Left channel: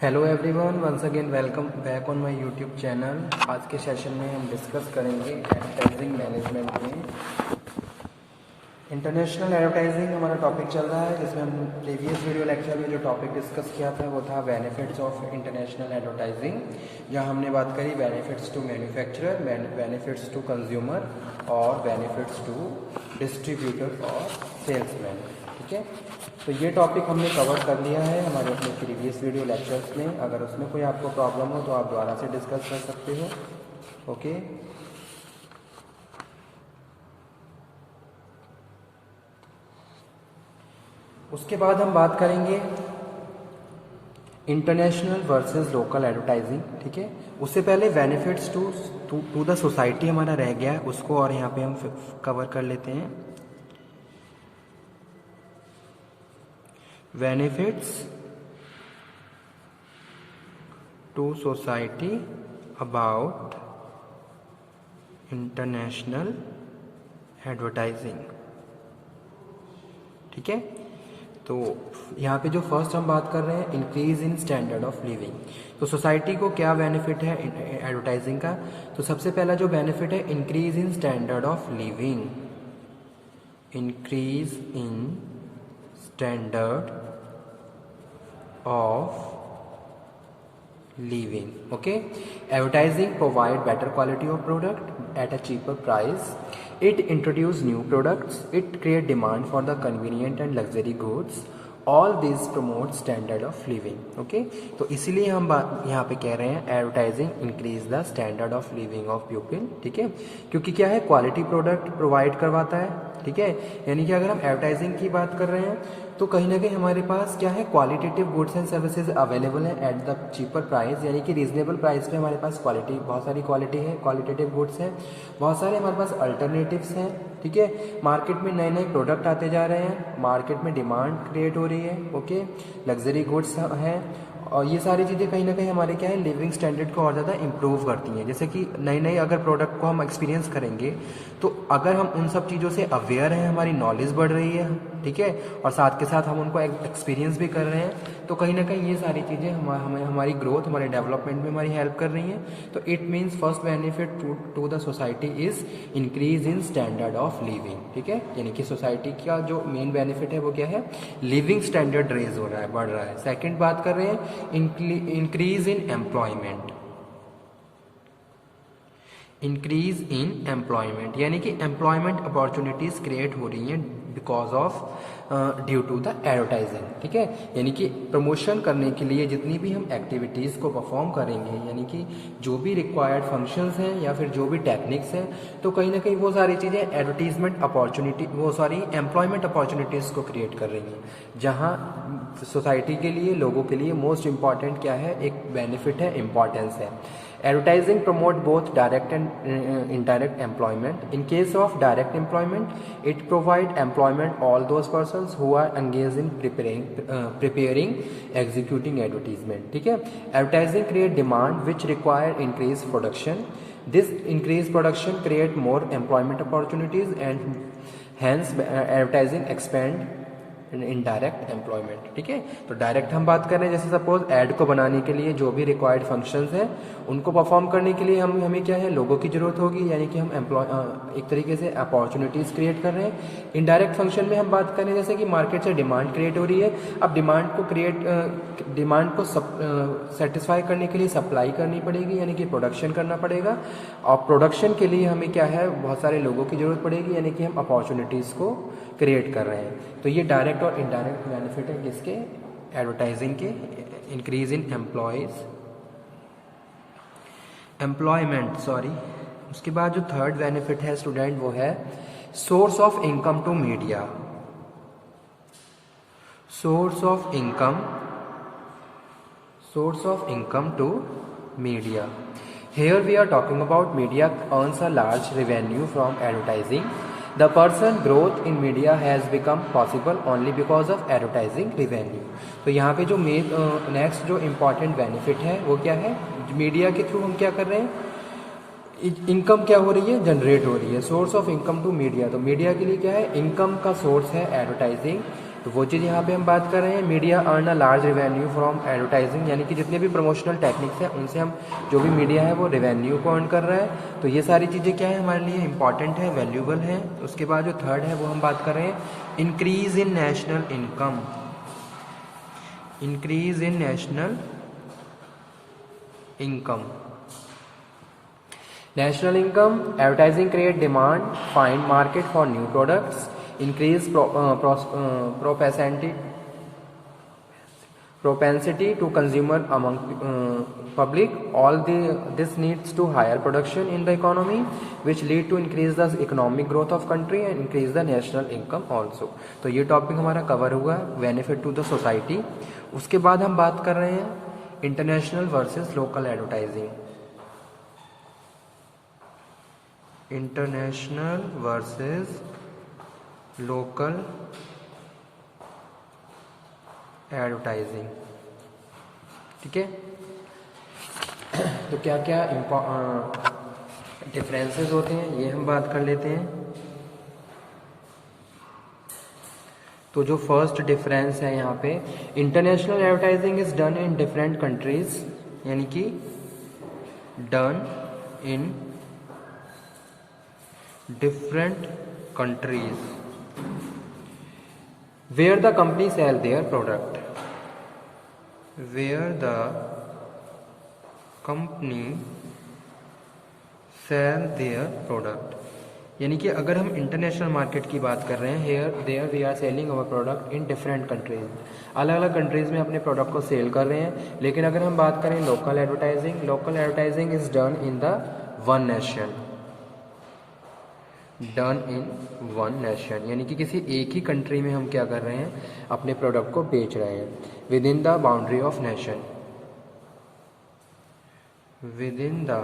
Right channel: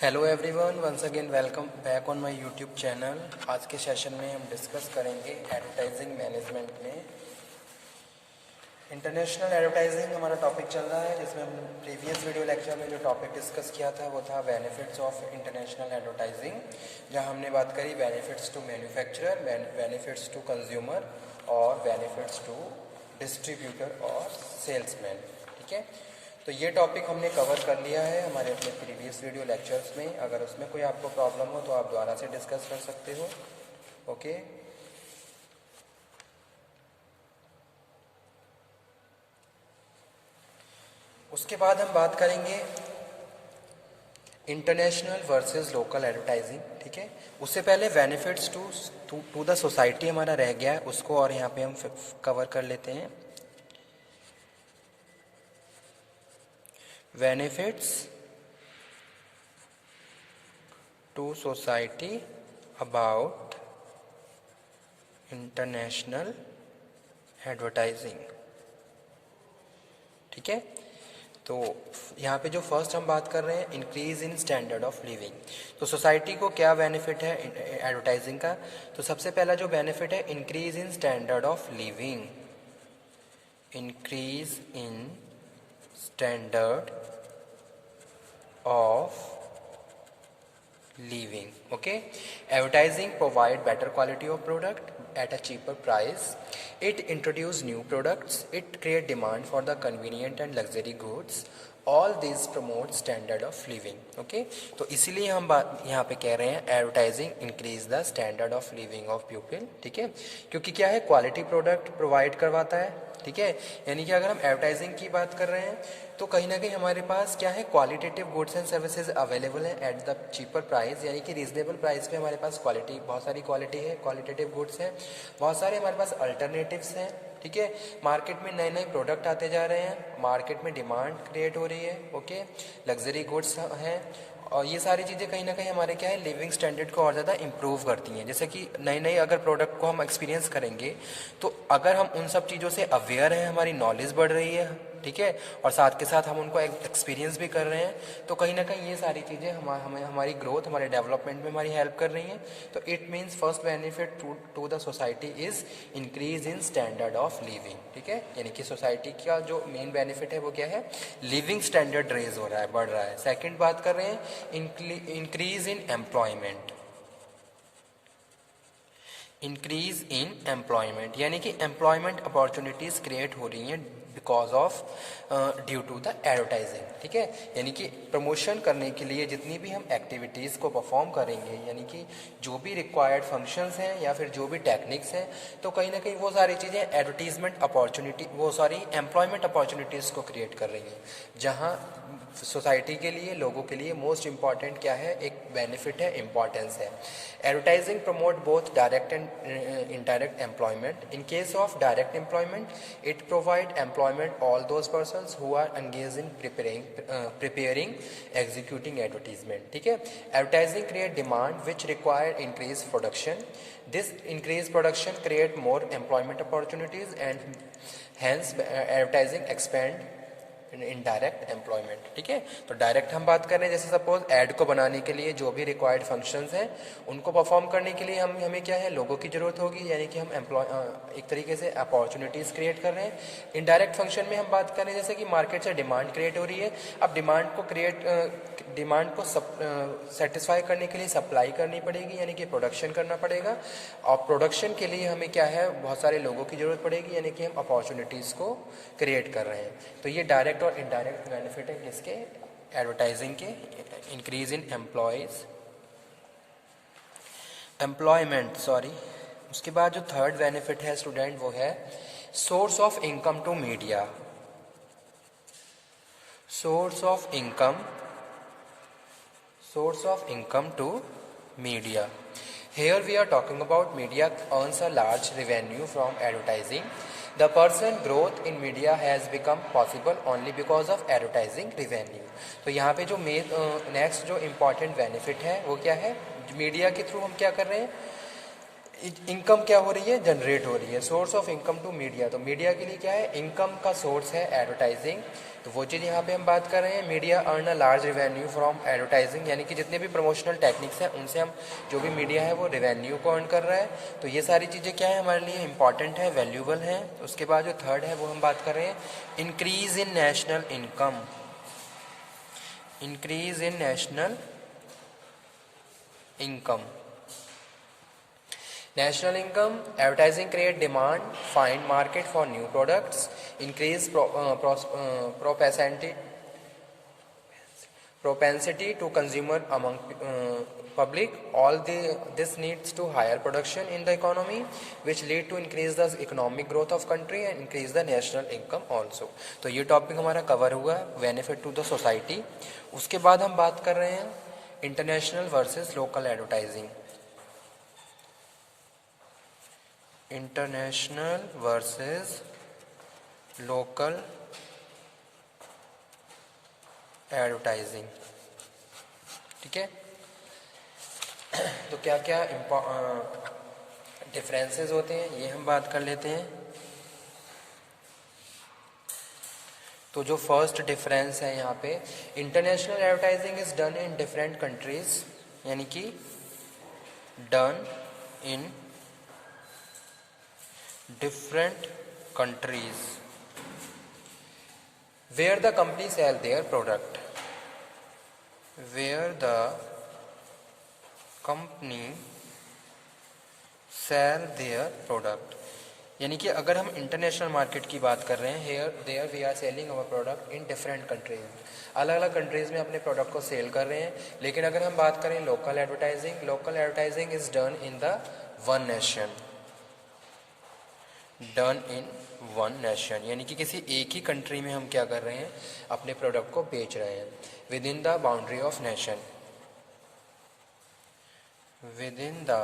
Hello everyone, once again welcome back on my YouTube channel. आज के session में हम डिस्कस करेंगे एडवर्टाइजिंग मैनेजमेंट में। इंटरनेशनल एडवर्टाइजिंग हमारा टॉपिक चल रहा है, जिसमें हम प्रीवियस वीडियो लेक्चर में जो टॉपिक डिस्कस किया था वो था बेनिफिट्स ऑफ इंटरनेशनल एडवर्टाइजिंग, जहां हमने बात करी benefits to manufacturer, benefits to consumer और बेनिफिट्स टू डिस्ट्रीब्यूटर और सेल्समैन। ठीक है, तो ये टॉपिक हमने कवर कर लिया है हमारे अपने प्रीवियस वीडियो लेक्चर्स में। अगर उसमें कोई आपको प्रॉब्लम हो तो आप दोबारा से डिस्कस कर सकते हो। ओके, उसके बाद हम बात करेंगे इंटरनेशनल वर्सेस लोकल एडवर्टाइजिंग। ठीक है, उससे पहले बेनिफिट्स टू द सोसाइटी हमारा रह गया है, उसको और यहाँ पे हम कवर कर लेते हैं। Benefits to society about international advertising. ठीक है, तो यहाँ पे जो फर्स्ट हम बात कर रहे हैं increase in standard of living. तो सोसाइटी को क्या बेनिफिट है एडवर्टाइजिंग का? तो सबसे पहला जो बेनिफिट है increase in standard of living, increase in standard of living. Okay, advertising provide better quality of product at a cheaper price. It introduce new products. It create demand for the convenient and luxury goods. All these promote standard of living. Okay, तो इसीलिए हम यहाँ पे कह रहे हैं advertising increase the standard of living of people. ठीक है, क्योंकि क्या है, क्वालिटी प्रोडक्ट प्रोवाइड करवाता है। ठीक है, यानी कि अगर हम एडवर्टाइजिंग की बात कर रहे हैं तो कहीं ना कहीं हमारे पास क्या है, qualitative goods and services available है एट द चीपर प्राइस, यानी कि रीजनेबल प्राइस पे हमारे पास क्वालिटी, बहुत सारी क्वालिटी है, क्वालिटेटिव गुड्स हैं, बहुत सारे हमारे पास अल्टरनेटिव्स हैं। ठीक है, मार्केट में नए नए प्रोडक्ट आते जा रहे हैं, मार्केट में डिमांड क्रिएट हो रही है। ओके, लग्जरी गुड्स हैं, और ये सारी चीज़ें कहीं ना कहीं हमारे क्या है, लिविंग स्टैंडर्ड को और ज़्यादा इंप्रूव करती हैं। जैसे कि नई नई अगर प्रोडक्ट को हम एक्सपीरियंस करेंगे तो अगर हम उन सब चीज़ों से अवेयर हैं, हमारी नॉलेज बढ़ रही है। ठीक है, और साथ के साथ हम उनको एक्सपीरियंस भी कर रहे हैं, तो कहीं ना कहीं ये सारी चीज़ें हमारी ग्रोथ, हमारे डेवलपमेंट में हमारी हेल्प कर रही हैं। तो it means first benefit to the society is increase in standard of living. ठीक है, यानी कि सोसाइटी का जो मेन बेनिफिट है वो क्या है, लिविंग स्टैंडर्ड रेज हो रहा है, बढ़ रहा है। सेकेंड बात कर रहे हैं increase in employment, increase in employment, यानी कि एम्प्लॉयमेंट अपॉर्चुनिटीज़ क्रिएट हो रही हैं because of due to the advertising. ठीक है, यानी कि प्रमोशन करने के लिए जितनी भी हम एक्टिविटीज़ को परफॉर्म करेंगे, यानी कि जो भी रिक्वायर्ड फंक्शंस हैं या फिर जो भी टेक्निक्स हैं, तो कहीं ना कहीं वो सारी चीज़ें एडवर्टीजमेंट अपॉर्चुनिटी, वो सॉरी एम्प्लॉयमेंट अपॉर्चुनिटीज़ को क्रिएट कर रही हैं, जहाँ सोसाइटी के लिए, लोगों के लिए मोस्ट इम्पॉर्टेंट क्या है, एक बेनिफिट है, इम्पॉर्टेंस है। Advertising promote both direct and indirect employment. In case of direct employment, it provide employment all those persons who are engaged in preparing, executing advertisement. ठीक है, advertising create demand which require increased production. This increased production create more employment opportunities and hence advertising expand indirect employment. ठीक है, तो direct हम बात कर रहे हैं, जैसे सपोज ऐड को बनाने के लिए जो भी रिक्वायर्ड फंक्शंस हैं उनको परफॉर्म करने के लिए हमें क्या है, लोगों की ज़रूरत होगी, यानी कि हम एक तरीके से अपॉर्चुनिटीज़ क्रिएट कर रहे हैं। इनडायरेक्ट फंक्शन में हम बात कर रहे हैं जैसे कि मार्केट से डिमांड क्रिएट हो रही है, अब डिमांड को सेटिस्फाई करने के लिए सप्लाई करनी पड़ेगी, यानी कि प्रोडक्शन करना पड़ेगा, और प्रोडक्शन के लिए हमें क्या है, बहुत सारे लोगों की ज़रूरत पड़ेगी, यानी कि हम अपॉर्चुनिटीज़ को क्रिएट कर रहे हैं। तो ये डायरेक्ट और इनडायरेक्ट बेनिफिट है किसके, एडवर्टाइजिंग के। Increase in employment, sorry. उसके बाद जो थर्ड बेनिफिट है स्टूडेंट, वो है source of income to media, source of income to media. Here we are talking about media earns a large revenue from advertising. The person growth in media has become possible only because of advertising revenue. तो यहाँ पे जो next जो important benefit है वो क्या है, media के थ्रू हम क्या कर रहे हैं, इनकम क्या हो रही है, जनरेट हो रही है। Source of income to media, तो मीडिया के लिए क्या है, इनकम का सोर्स है एडवर्टाइजिंग। तो वो चीज़ यहाँ पे हम बात कर रहे हैं, media earn a large revenue from advertising, यानी कि जितने भी प्रमोशनल टेक्निक्स हैं उनसे हम, जो भी मीडिया है वो रेवेन्यू को अर्न कर रहा है। तो ये सारी चीज़ें क्या है, हमारे लिए इंपॉर्टेंट है, वैल्यूबल हैं। उसके बाद जो थर्ड है वो हम बात कर रहे हैं, increase in national income. Increase in national income, national income, advertising create demand, find market for new products, increase propensity to consumer among public. This needs to higher production in the economy, which lead to increase the economic growth of country and increase the national income also. तो ये topic हमारा cover हुआ, benefit to the society. उसके बाद हम बात कर रहे हैं international versus local advertising. International versus local advertising, ठीक है। तो क्या क्या डिफरेंसेस होते हैं ये हम बात कर लेते हैं। तो जो फर्स्ट डिफरेंस है यहाँ पे, international advertising is done in different countries, यानी कि done in different countries where the company sell their product, where the company sell their product, यानी कि अगर हम इंटरनेशनल मार्केट की बात कर रहे हैं, here there we are selling our product in different countries, अलग अलग कंट्रीज़ में अपने प्रोडक्ट को सेल कर रहे हैं। लेकिन अगर हम बात करें local advertising, local advertising is done in the one nation, done in one nation, यानी कि किसी एक ही कंट्री में हम क्या कर रहे हैं, अपने प्रोडक्ट को बेच रहे हैं, with in the boundary of nation, with in the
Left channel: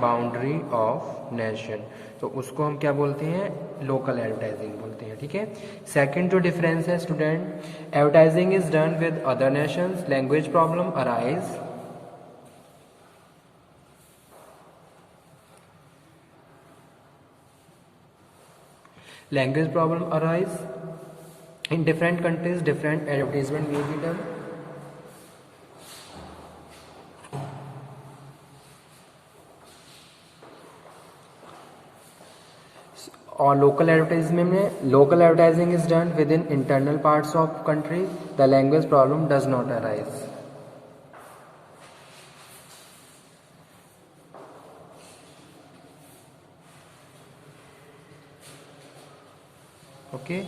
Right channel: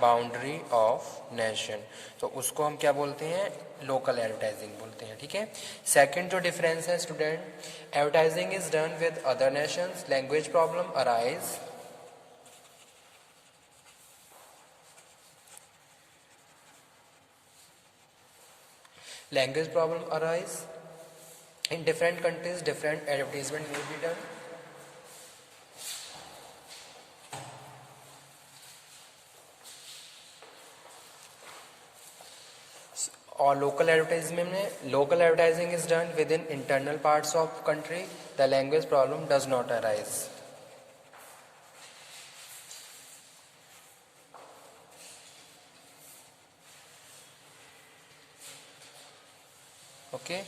boundary of nation. तो उसको हम क्या बोलते हैं, लोकल एडवर्टाइजिंग बोलते हैं, ठीक है। सेकंड जो डिफरेंस है student, advertising is done with other Nations, language problem arise, language problem arise in different countries, different advertisement may be done। और लोकल एडवर्टाइजमेंट में, local advertising is done with in internal parts of country, the language problem does not arise. Okay,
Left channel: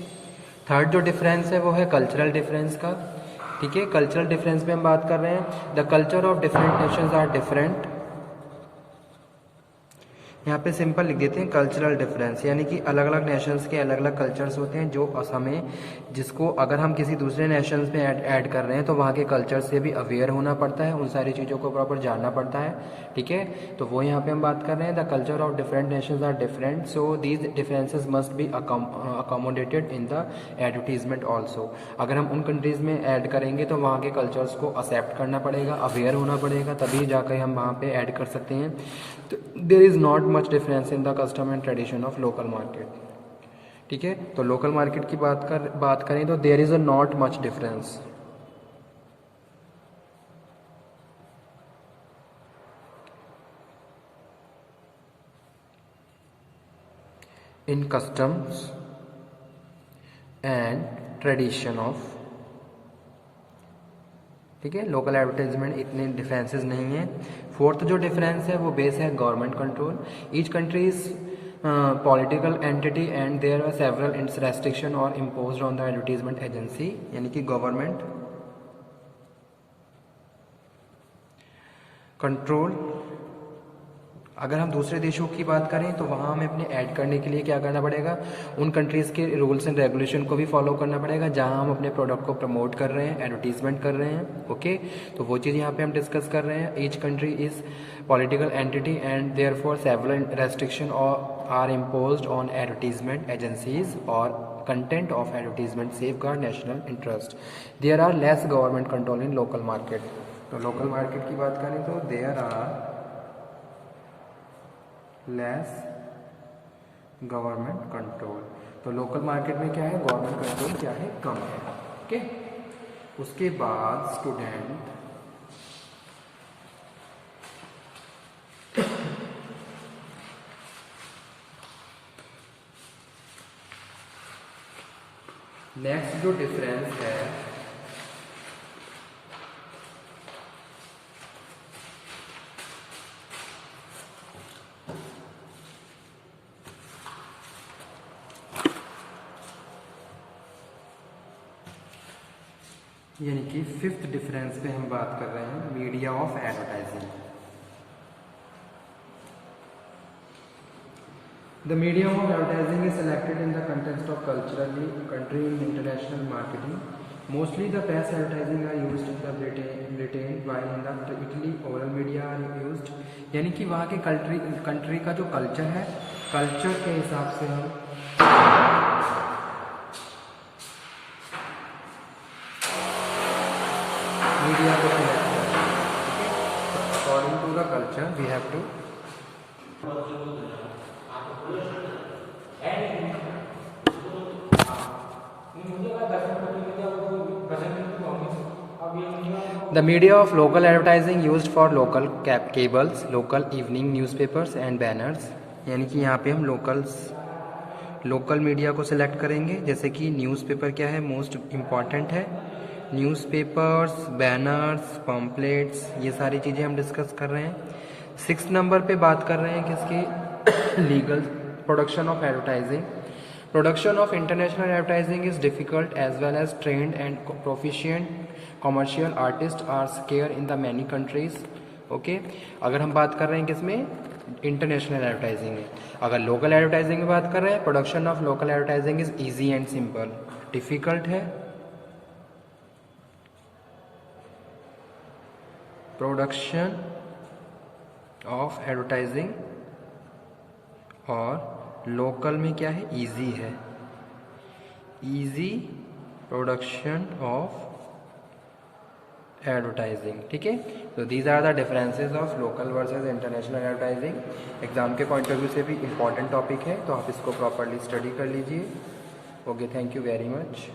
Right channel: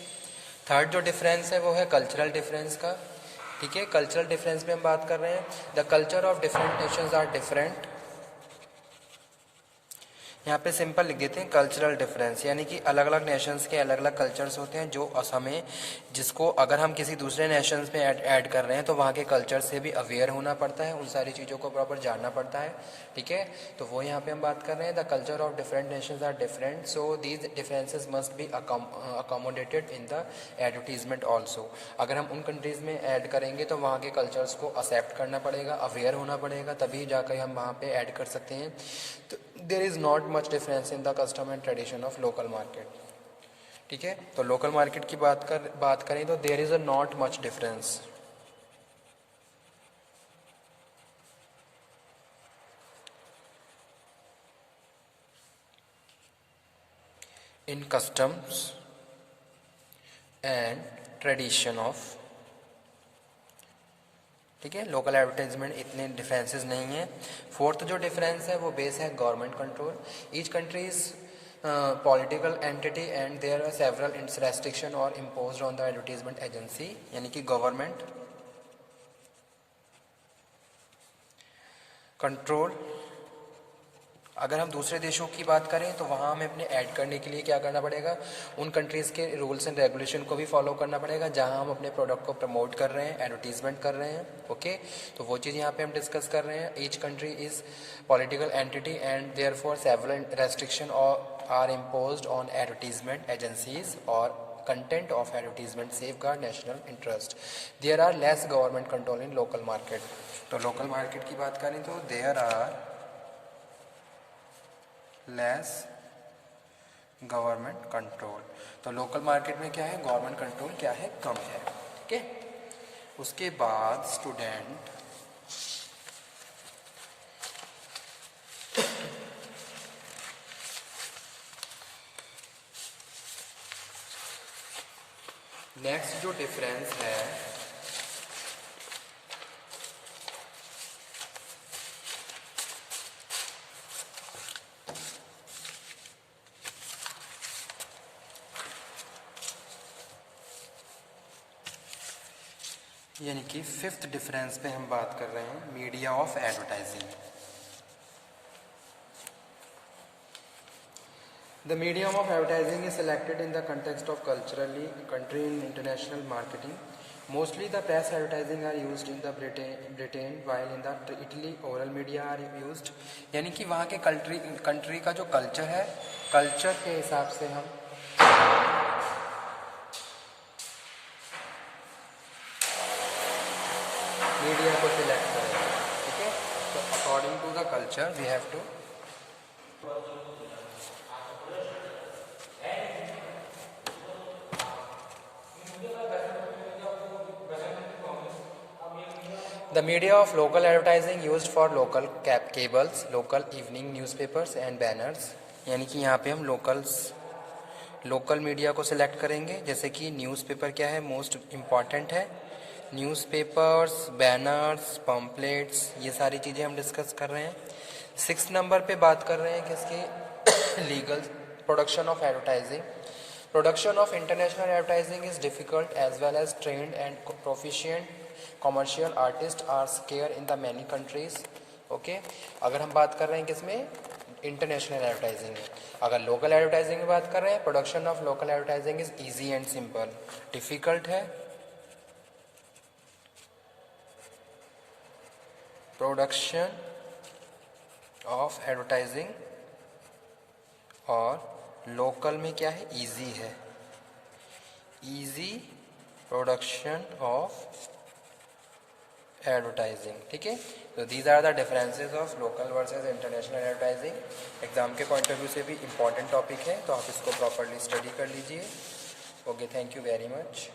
third जो difference है वो है cultural difference का, ठीक है। Cultural difference में हम बात कर रहे हैं, the culture of different nations are different. यहाँ पे सिंपल लिख देते हैं कल्चरल डिफरेंस, यानी कि अलग अलग नेशंस के अलग अलग कल्चर्स होते हैं, जो हमें, जिसको अगर हम किसी दूसरे नेशंस में ऐड कर रहे हैं तो वहाँ के कल्चर से भी अवेयर होना पड़ता है, उन सारी चीज़ों को प्रॉपर जानना पड़ता है, ठीक है। तो वो यहाँ पे हम बात कर रहे हैं, the culture of different nations are different, so these differences must be accommodated in the advertisement also. अगर हम उन कंट्रीज़ में ऐड करेंगे तो वहाँ के कल्चर्स को एक्सेप्ट करना पड़ेगा, अवेयर होना पड़ेगा, तभी जाकर हम वहाँ पर ऐड कर सकते हैं। तो there is not much difference in the custom and tradition of local market, ठीक है। तो लोकल मार्केट की बात करें तो there is a not much difference. In customs and tradition of, ठीक है। लोकल एडवर्टाइजमेंट इतने डिफरेंसेस नहीं हैं। फोर्थ जो डिफरेंस है वो बेस है government control, each countries political entity and there are several its restriction are imposed on the advertisement agency, यानी कि गवर्नमेंट कंट्रोल। अगर हम दूसरे देशों की बात करें तो वहाँ हमें अपने ऐड करने के लिए क्या करना पड़ेगा, उन कंट्रीज़ के रूल्स एंड रेगुलेशन को भी फॉलो करना पड़ेगा जहाँ हम अपने प्रोडक्ट को प्रमोट कर रहे हैं, एडवर्टीजमेंट कर रहे हैं, ओके। तो वो चीज़ यहाँ पे हम डिस्कस कर रहे हैं। Each country is political entity and therefore several restriction are imposed on advertisement agencies और content of advertisement safeguard national interest. There are less government control in local market. तो लोकल मार्केट की बात करें तो there are less government control. तो local market में क्या है, गवर्नमेंट कंट्रोल क्या है, कम है। ठीक है, उसके बाद स्टूडेंट नेक्स्ट जो डिफरेंस है यानी कि फिफ्थ डिफरेंस पे हम बात कर रहे हैं, media of advertising. The medium of advertising is selected in the context of culturally country in international marketing. Mostly the press advertising are used in the Britain while in the Italy oral media are used. यानी कि वहाँ के country का जो culture है, culture के हिसाब से हम मीडिया को सिलेक्ट करें। ठीक है, according to the culture we have to The media of local advertising used for local cables, local evening newspapers and banners. यानी कि यहाँ पे हम लोकल मीडिया को सिलेक्ट करेंगे, जैसे कि न्यूज़पेपर क्या है, मोस्ट इम्पॉर्टेंट है। न्यूज़पेपर्स, बैनर्स, पम्पलेट्स, ये सारी चीज़ें हम डिस्कस कर रहे हैं। 6 नंबर पे बात कर रहे हैं किसकी, legal production of advertising. Production of international advertising is difficult as well as trained and proficient commercial artists are scarce in the many countries. Okay, अगर हम बात कर रहे हैं किसमें, इंटरनेशनल एडवर्टाइजिंग में। अगर लोकल एडवर्टाइजिंग में बात कर रहे हैं, production of local advertising is easy and simple. Difficult है प्रोडक्शन ऑफ एडवर्टाइजिंग, और लोकल में क्या है, इजी है, इजी प्रोडक्शन ऑफ एडवर्टाइजिंग। ठीक है, तो these are the differences of local versus international advertising. Exam के पॉइंट ऑफ व्यू से भी इम्पॉर्टेंट टॉपिक है, तो आप इसको प्रॉपरली स्टडी कर लीजिए। Okay, thank you very much.